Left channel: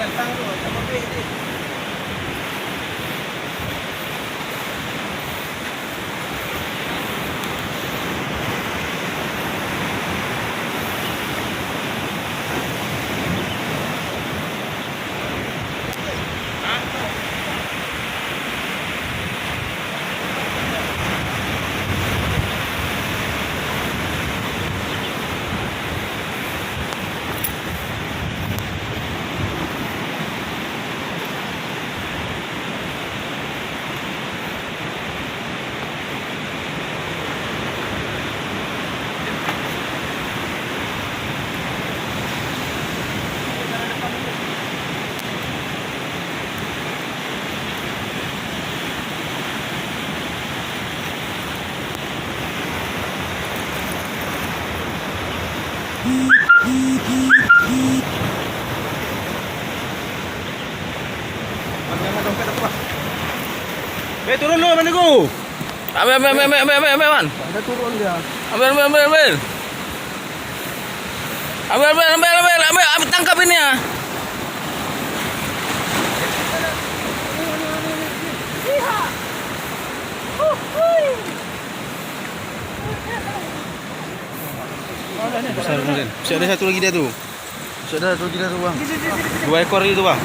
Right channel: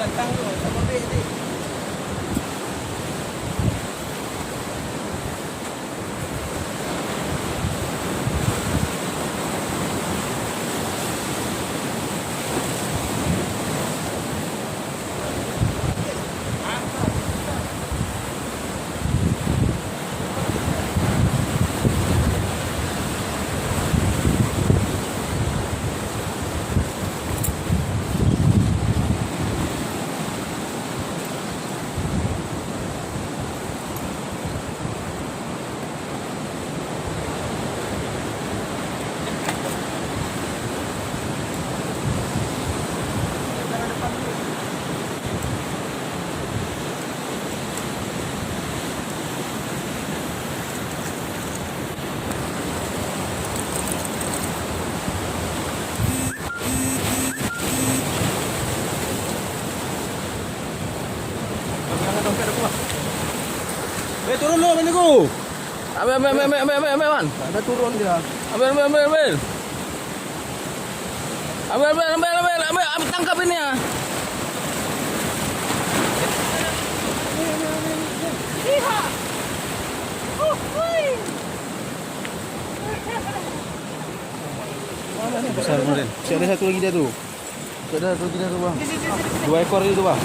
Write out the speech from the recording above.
Datang tu, sama ambil ni. Turun dulu mana ku? Ambil man. Ada turun dia. Ambil. Ambil, tangkap ini ya. Besar kemarin. Masih ada satu lagi dia tu. Masih ada satu lagi dia tu bang. 2 ekor lagi tu bang.